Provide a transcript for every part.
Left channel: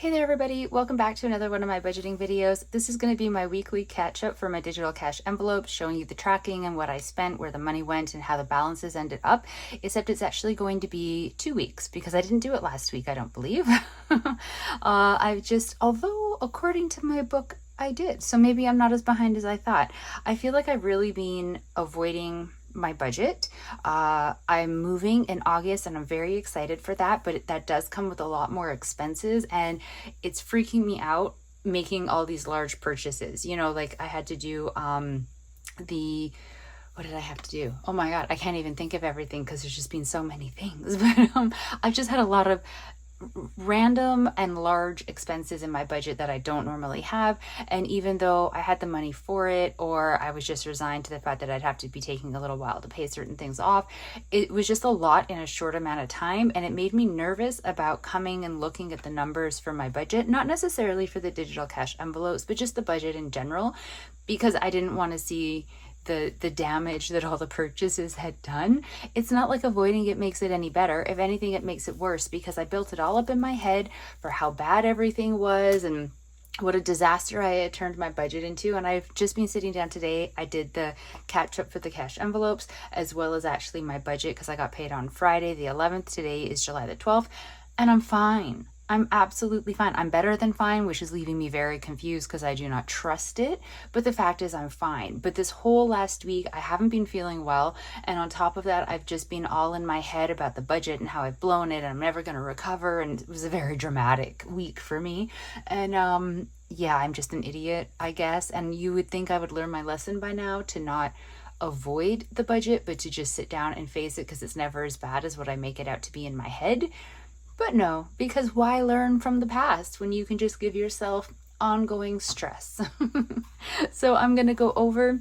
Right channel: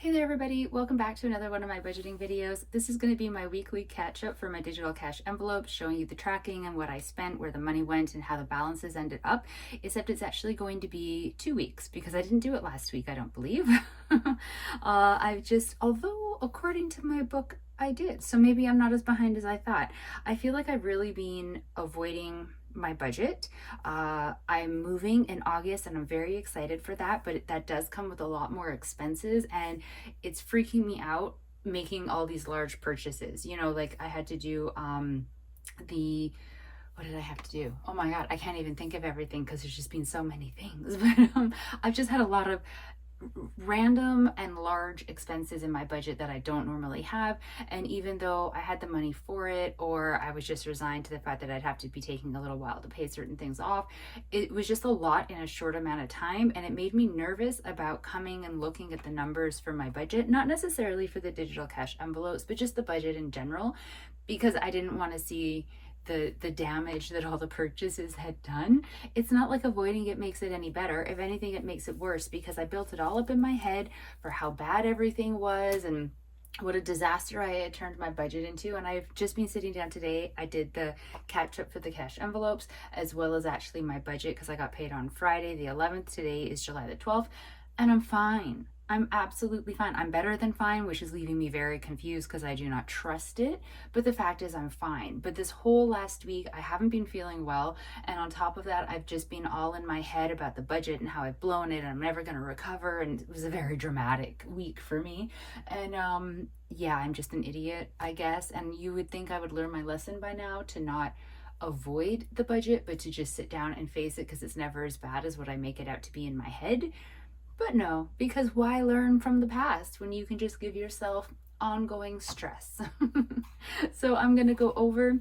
Hey there everybody, welcome back to another one of my budgeting videos. This is going to be my weekly catch up for my digital cash envelopes, showing you the tracking and what I spent, where the money went, and how the balances ended up, except it's actually going to be 2 weeks because I didn't do it last week, I don't believe. Although according to my book, I did. So maybe I'm not as behind as I thought. I feel like I've really been avoiding my budget. I'm moving in August and I'm very excited for that, but that does come with a lot more expenses and it's freaking me out making all these large purchases. Like I had to do what did I have to do? Oh my God, I can't even think of everything because there's just been so many things. But I've just had a lot of random and large expenses in my budget that I don't normally have. And even though I had the money for it, or I was just resigned to the fact that I'd have to be taking a little while to pay certain things off, it was just a lot in a short amount of time. And it made me nervous about coming and looking at the numbers for my budget, not necessarily for the digital cash envelopes, but just the budget in general, because I didn't want to see the damage that all the purchases had done. It's not like avoiding it makes it any better. If anything, it makes it worse because I built it all up in my head for how bad everything was and what a disaster I had turned my budget into. And I've just been sitting down today. I did the catch up for the cash envelopes as well as actually my budget because I got paid on Friday the 11th. Today is July the 12th and I'm fine. I'm absolutely fine. I'm better than fine, which is leaving me very confused because I do not trust it. But the fact is I'm fine. But this whole last week, I haven't been feeling well. And on top of that, I've just been all in my head about the budget and how I've blown it and I'm never going to recover. And it was a very dramatic week for me. And yeah, I'm just an idiot, I guess. And you would think I would learn my lesson by now to not avoid the budget, but to just sit down and face it because it's never as bad as what I make it out to be in my head. But no, because why learn from the past when you can just give yourself ongoing stress? So I'm going to go over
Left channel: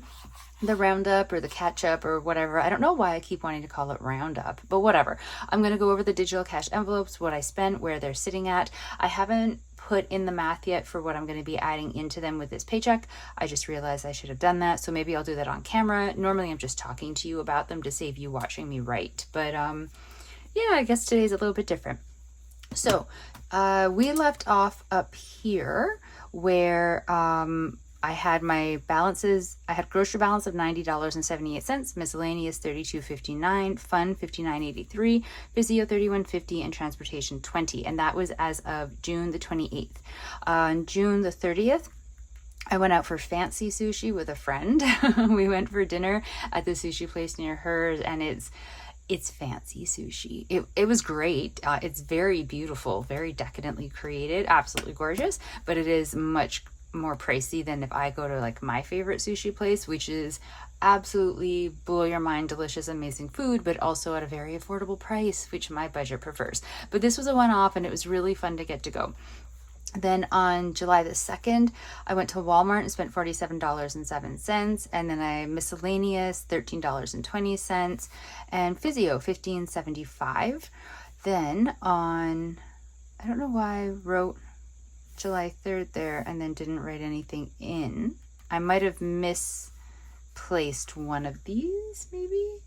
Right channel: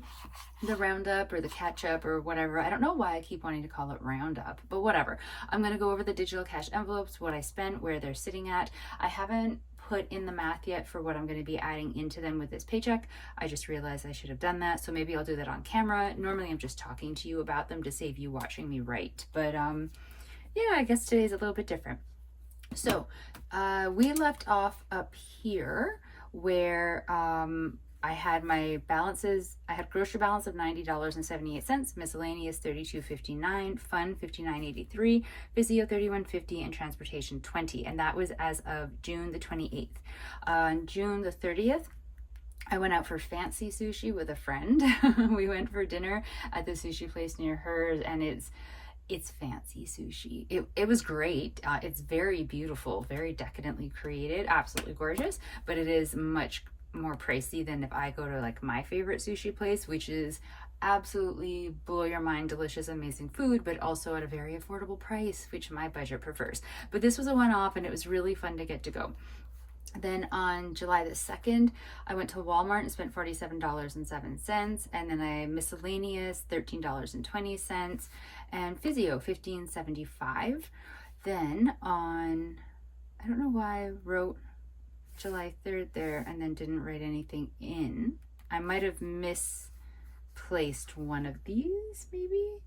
the roundup or the catch up or whatever. I don't know why I keep wanting to call it roundup, but whatever. I'm going to go over the digital cash envelopes, what I spent, where they're sitting at. I haven't put in the math yet for what I'm going to be adding into them with this paycheck. I just realized I should have done that. So maybe I'll do that on camera. Normally I'm just talking to you about them to save you watching me write. But yeah, I guess today's a little bit different. So we left off up here where I had my balances. I had grocery balance of $90.78, miscellaneous $32.59, fun $59.83, physio $31.50, and transportation $20. And that was as of June the 28th. On June the 30th, I went out for fancy sushi with a friend. We went for dinner at the sushi place near hers, and it's fancy sushi. It was great. It's very beautiful, very decadently created, absolutely gorgeous, but it is much more pricey than if I go to like my favorite sushi place, which is absolutely blow your mind, delicious, amazing food, but also at a very affordable price, which my budget prefers. But this was a one-off and it was really fun to get to go. Then on July the 2nd, I went to Walmart and spent $47.07. And then I miscellaneous $13.20 and physio $15.75. Then on, I don't know why I wrote July 3rd there and then didn't write anything in. I might have misplaced one of these maybe.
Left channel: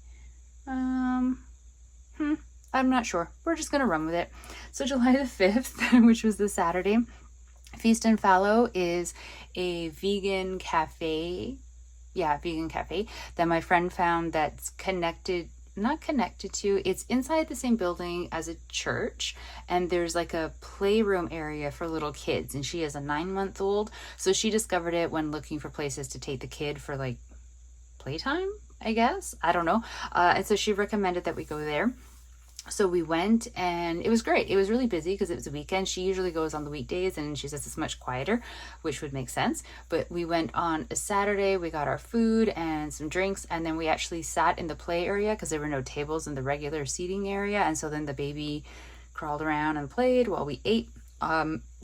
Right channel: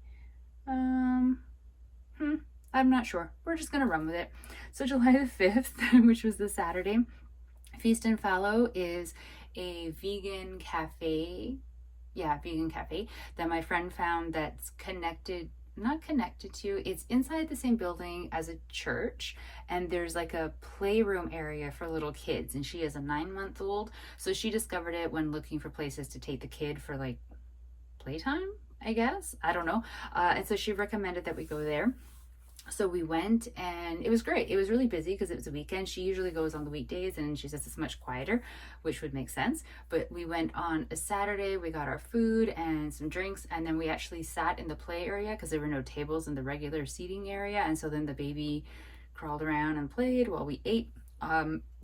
I'm not sure. We're just going to run with it. So July the 5th, which was the Saturday, Feast and Fallow is a vegan cafe. Yeah, vegan cafe that my friend found that's not connected to, it's inside the same building as a church. And there's like a playroom area for little kids. And she is a 9-month-old. So she discovered it when looking for places to take the kid for like playtime, I guess. I don't know. And so she recommended that we go there. So we went and it was great. It was really busy because it was a weekend. She usually goes on the weekdays and she says it's much quieter, which would make sense. But we went on a Saturday, we got our food and some drinks, and then we actually sat in the play area because there were no tables in the regular seating area. And so then the baby crawled around and played while we ate.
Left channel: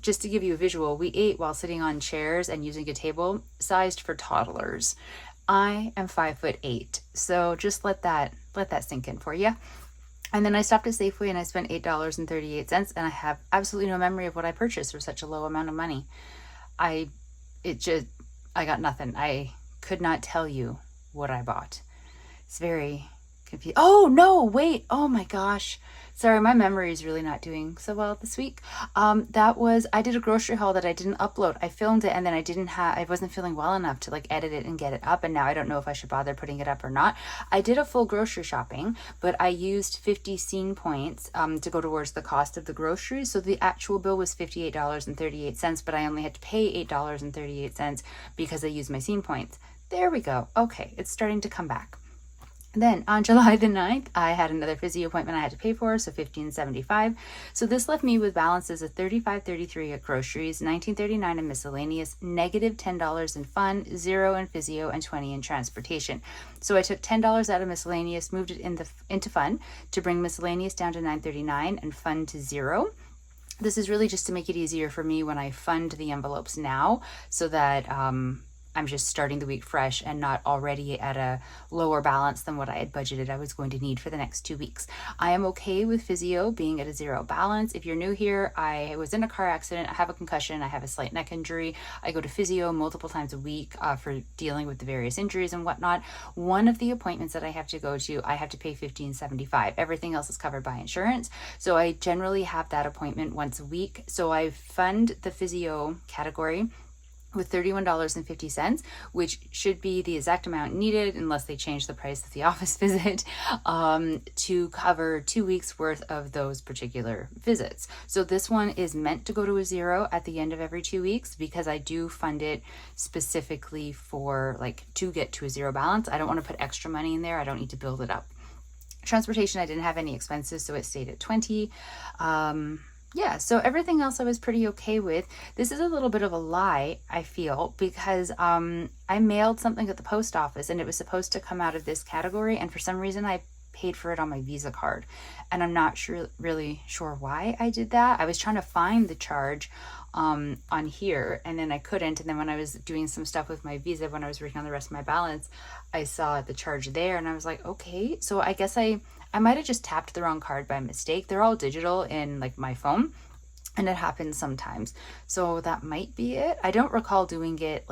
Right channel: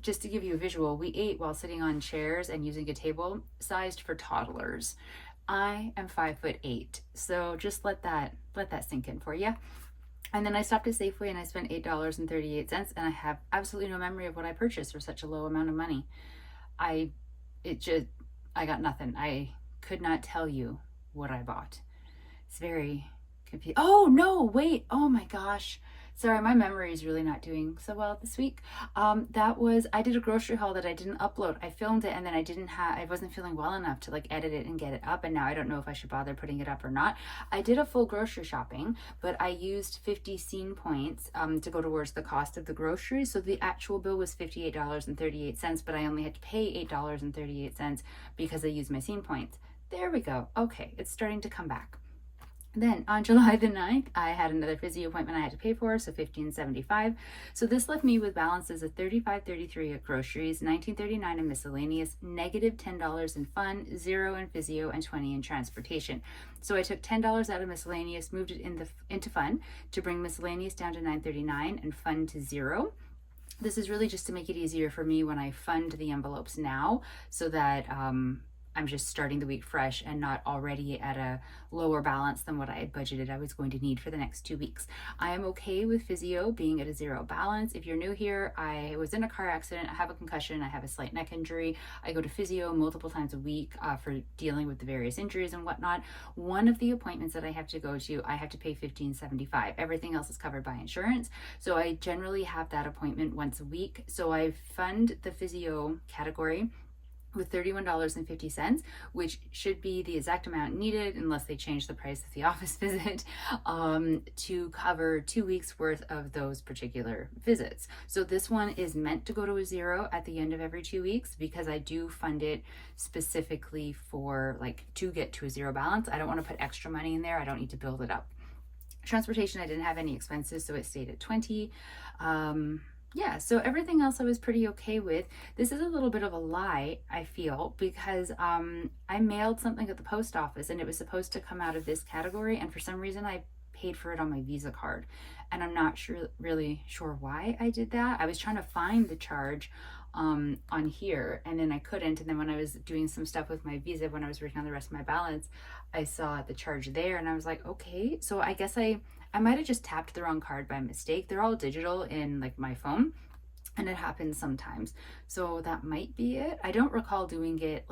Just to give you a visual, we ate while sitting on chairs and using a table sized for toddlers. I am 5'8", so just let that sink in for you. And then I stopped at Safeway and I spent $8.38, and I have absolutely no memory of what I purchased for such a low amount of money. I got nothing. I could not tell you what I bought. It's very confusing. Oh no, wait. Oh my gosh. Sorry, my memory is really not doing so well this week. I did a grocery haul that I didn't upload. I filmed it and then I wasn't feeling well enough to like edit it and get it up. And now I don't know if I should bother putting it up or not. I did a full grocery shopping, but I used 50 scene points to go towards the cost of the groceries. So the actual bill was $58.38, but I only had to pay $8.38 because I used my scene points. There we go. Okay, it's starting to come back. Then on July the 9th, I had another physio appointment I had to pay for, so $15.75. So this left me with balances of $35.33 at groceries, $19.39 in miscellaneous, negative $10 in fun, $0 in physio, and $20 in transportation. So I took $10 out of miscellaneous, moved it into fun to bring miscellaneous down to $9.39 and fun to $0. This is really just to make it easier for me when I fund the envelopes now, so that I'm just starting the week fresh and not already at a lower balance than what I had budgeted I was going to need for the next 2 weeks. I am okay with physio being at a $0 balance. If you're new here, I was in a car accident, I have a concussion, I have a slight neck injury. I go to physio multiple times a week for dealing with the various injuries and whatnot. One of the appointments that I have to go to, I have to pay $15.75. Everything else is covered by insurance. So I generally have that appointment once a week. So I fund the physio category with $31.50, which should be the exact amount needed unless they change the price of the office visit, to cover 2 weeks worth of those particular visits. So this one is meant to go to a $0 at the end of every 2 weeks because I do fund it specifically for to get to a $0 balance. I don't want to put extra money in there. I don't need to build it up. Transportation, I didn't have any expenses, so it stayed at 20. Yeah, so everything else I was pretty okay with. This is a little bit of a lie, I feel, because I mailed something at the post office and it was supposed to come out of this category, and for some reason I paid for it on my Visa card, and I'm not really sure why I did that. I was trying to find the charge on here, and then I couldn't, and then when I was doing some stuff with my Visa, when I was working on the rest of my balance, I saw the charge there, and I was like, okay, so I guess I might have just tapped the wrong card by mistake. They're all digital in my phone, and it happens sometimes. So that might be it. I don't recall doing it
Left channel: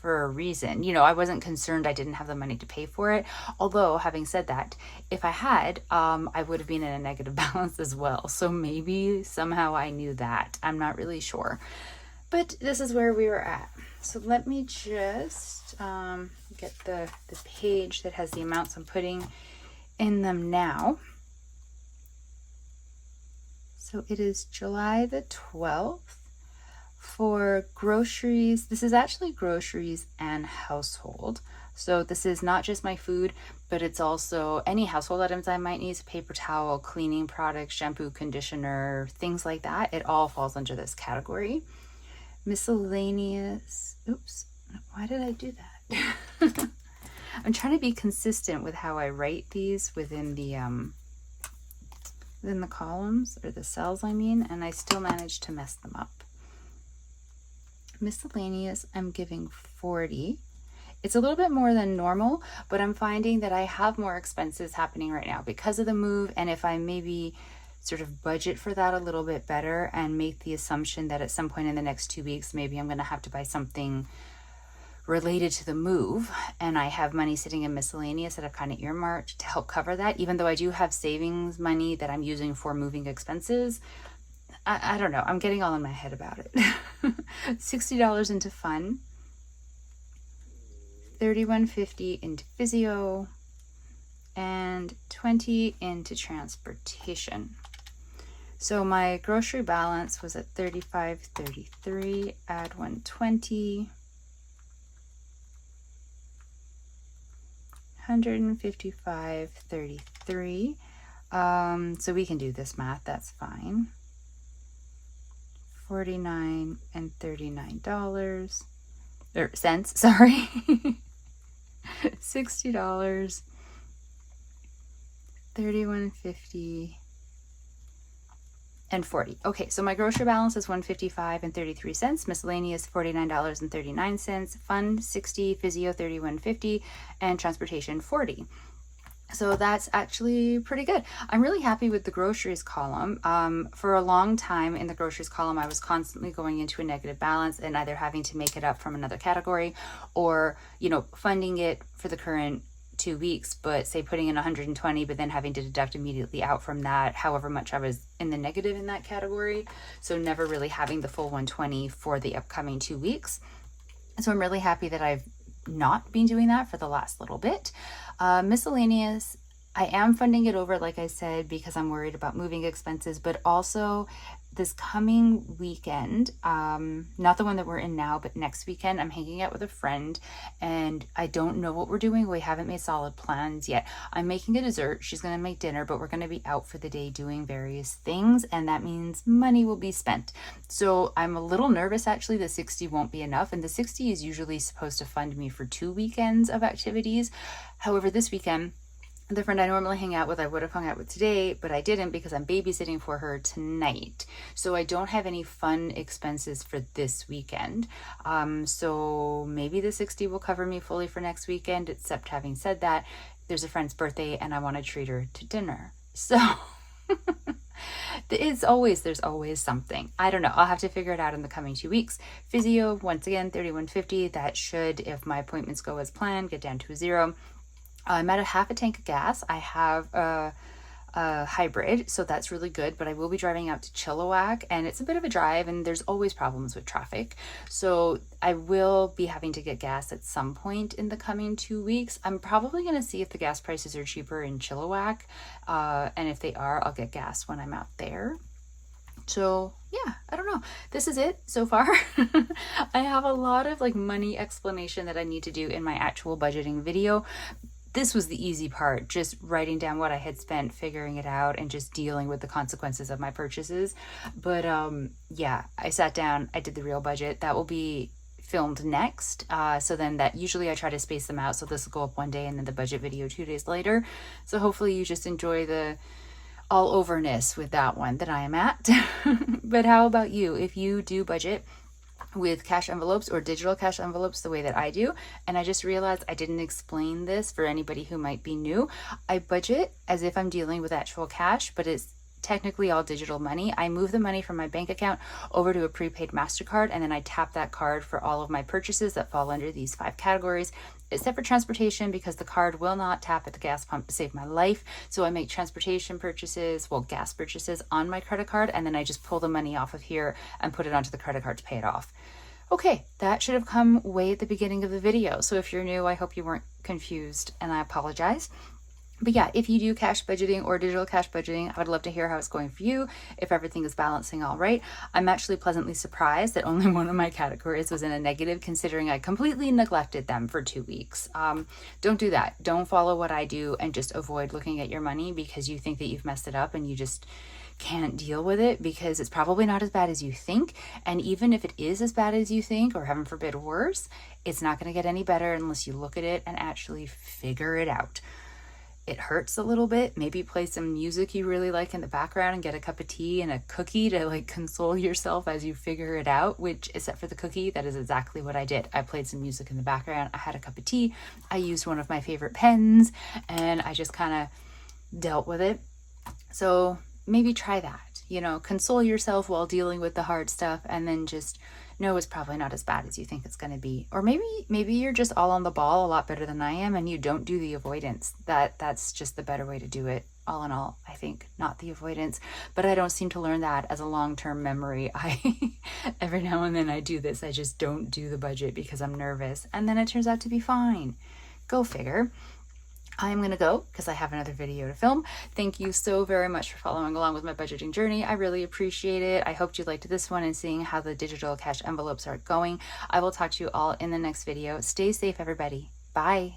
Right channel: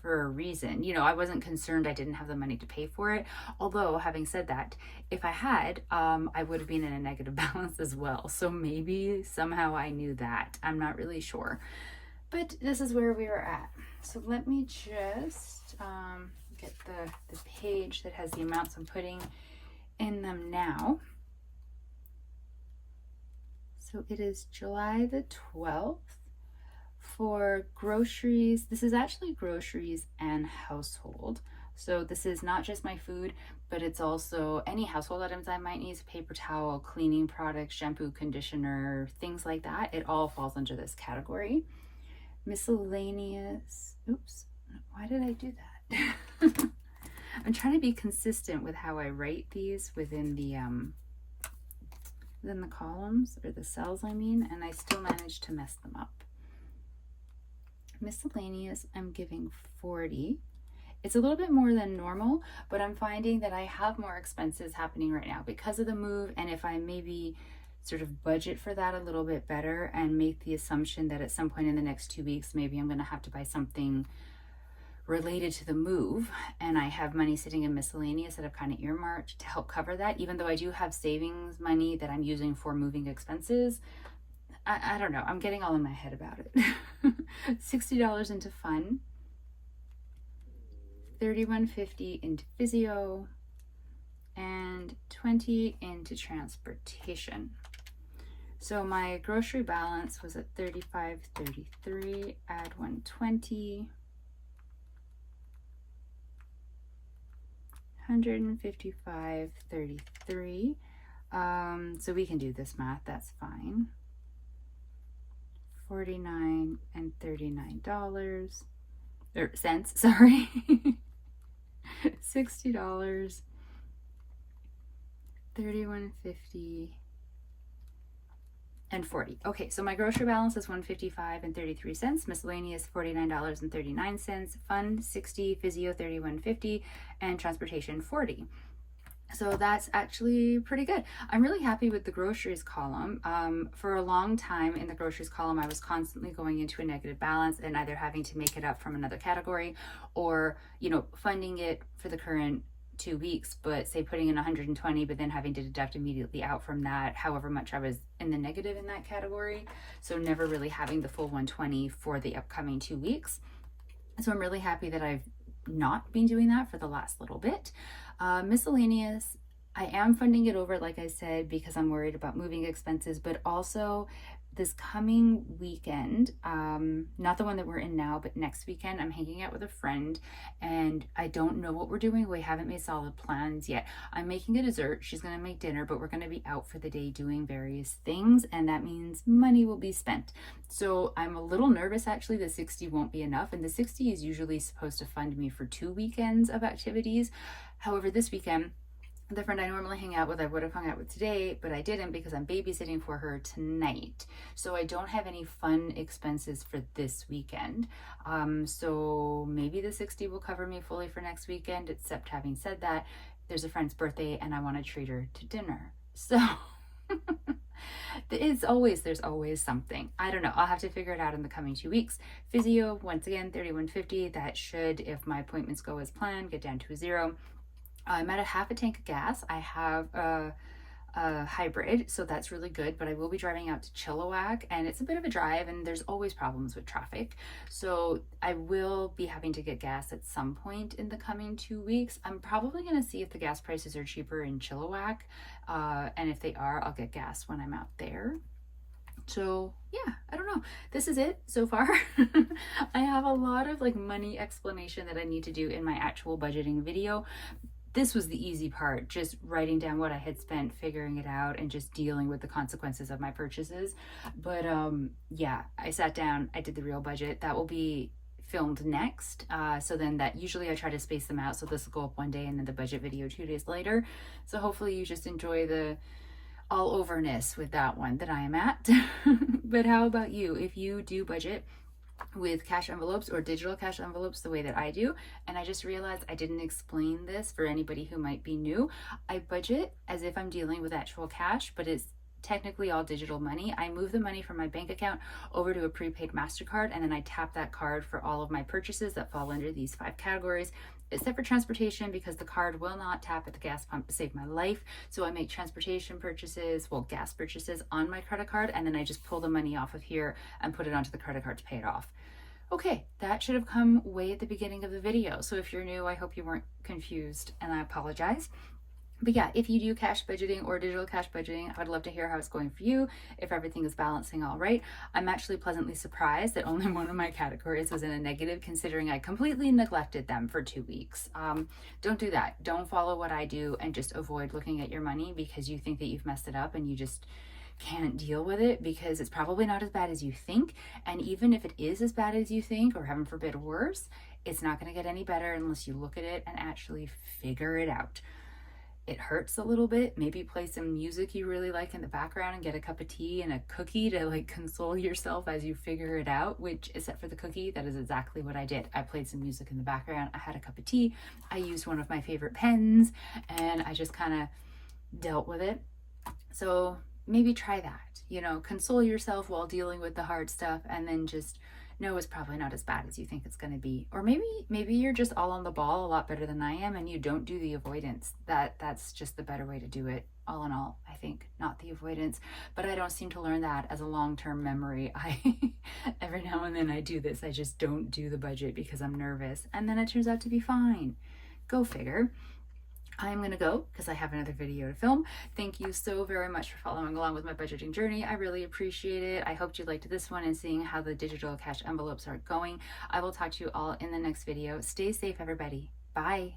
for a reason. I wasn't concerned I didn't have the money to pay for it. Although, having said that, if I had, I would have been in a negative balance as well. So maybe somehow I knew that. I'm not really sure. But this is where we were at. So let me just get the page that has the amounts I'm putting in them now. So it is July the 12th for groceries. This is actually groceries and household. So this is not just my food, but it's also any household items I might need: paper towel, cleaning products, shampoo, conditioner, things like that. It all falls under this category. Miscellaneous. Oops, why did I do that? I'm trying to be consistent with how I write these within the columns, or the cells, and I still managed to mess them up. Miscellaneous, I'm giving 40. It's a little bit more than normal, but I'm finding that I have more expenses happening right now because of the move, and if I maybe sort of budget for that a little bit better and make the assumption that at some point in the next 2 weeks, maybe I'm going to have to buy something related to the move, and I have money sitting in miscellaneous that I've kind of earmarked to help cover that, even though I do have savings money that I'm using for moving expenses. I don't know, I'm getting all in my head about it. $60 into fun, $31.50 into physio, and $20 into transportation. So my grocery balance was at $35.33, add $120, $155.33. So we can do this math, that's fine. $49 and $39 or cents, sorry. $60, $31.50 and 40. Okay, so my grocery balance is $155 and 33 cents, miscellaneous $49 and 39 cents, fund 60, physio $31.50, and transportation 40. So that's actually pretty good. I'm really happy with the groceries column. For a long time in the groceries column, I was constantly going into a negative balance and either having to make it up from another category or, funding it for the current 2 weeks, but say putting in 120, but then having to deduct immediately out from that, however much I was in the negative in that category. So never really having the full 120 for the upcoming 2 weeks. So I'm really happy that I've not been doing that for the last little bit. Miscellaneous, I am funding it over, like I said, because I'm worried about moving expenses, but also this coming weekend, not the one that we're in now, but next weekend, I'm hanging out with a friend and I don't know what we're doing. We haven't made solid plans yet. I'm making a dessert. She's going to make dinner, but we're going to be out for the day doing various things. And that means money will be spent. So I'm a little nervous, actually. The 60 won't be enough. And the 60 is usually supposed to fund me for 2 weekends of activities. However, this weekend, the friend I normally hang out with, I would have hung out with today, but I didn't because I'm babysitting for her tonight. So I don't have any fun expenses for this weekend. So maybe the 60 will cover me fully for next weekend, except having said that, there's a friend's birthday and I want to treat her to dinner. So there's always something. I don't know. I'll have to figure it out in the coming 2 weeks. Physio, once again, $31.50. That should, if my appointments go as planned, get down to a 0. I'm at a half a tank of gas. I have a hybrid, so that's really good, but I will be driving out to Chilliwack and it's a bit of a drive and there's always problems with traffic. So I will be having to get gas at some point in the coming 2 weeks. I'm probably going to see if the gas prices are cheaper in Chilliwack. And if they are, I'll get gas when I'm out there. So yeah, I don't know. This is it so far. I have a lot of like money explanation that I need to do in my actual budgeting video. This was the easy part, just writing down what I had spent, figuring it out, and just dealing with the consequences of my purchases. But yeah, I sat down, I did the real budget. That will be filmed next. So then that usually I try to space them out. So this will go up one day and then the budget video 2 days later. So hopefully you just enjoy the all overness with that one that I am at. But how about you? If you do budget with cash envelopes or digital cash envelopes the way that I do, and I just realized I didn't explain this for anybody who might be new. I budget as if I'm dealing with actual cash, but it's technically all digital money. I move the money from my bank account over to a prepaid MasterCard, and then I tap that card for all of my purchases that fall under these 5 categories, except for transportation, because the card will not tap at the gas pump to save my life. So I make transportation purchases, well, gas purchases on my credit card, and then I just pull the money off of here and put it onto the credit card to pay it off. Okay, that should have come way at the beginning of the video. So if you're new, I hope you weren't confused and I apologize. But yeah, if you do cash budgeting or digital cash budgeting, I would love to hear how it's going for you, if everything is balancing all right. I'm actually pleasantly surprised that only one of my categories was in a negative, considering I completely neglected them for 2 weeks. Don't do that. Don't follow what I do and just avoid looking at your money because you think that you've messed it up and you just can't deal with it, because it's probably not as bad as you think. And even if it is as bad as you think, or heaven forbid worse, it's not going to get any better unless you look at it and actually figure it out. It hurts a little bit. Maybe play some music you really like in the background and get a cup of tea and a cookie to like console yourself as you figure it out, which, except for the cookie, that is exactly what I did. I played some music in the background. I had a cup of tea. I used one of my favorite pens and I just kind of dealt with it. So maybe try that, console yourself while dealing with the hard stuff, and then just know it's probably not as bad as you think it's going to be. Or maybe you're just all on the ball a lot better than I am and you don't do the avoidance. That's just the better way to do it. All in all, I think, not the avoidance. But I don't seem to learn that as a long-term memory. Every now and then I do this. I just don't do the budget because I'm nervous, and then it turns out to be fine. Go figure. I'm going to go because I have another video to film. Thank you so very much for following along with my budgeting journey. I really appreciate it. I hope you liked this one and seeing how the digital cash envelopes are going. I will talk to you all in the next video. Stay safe, everybody. Bye.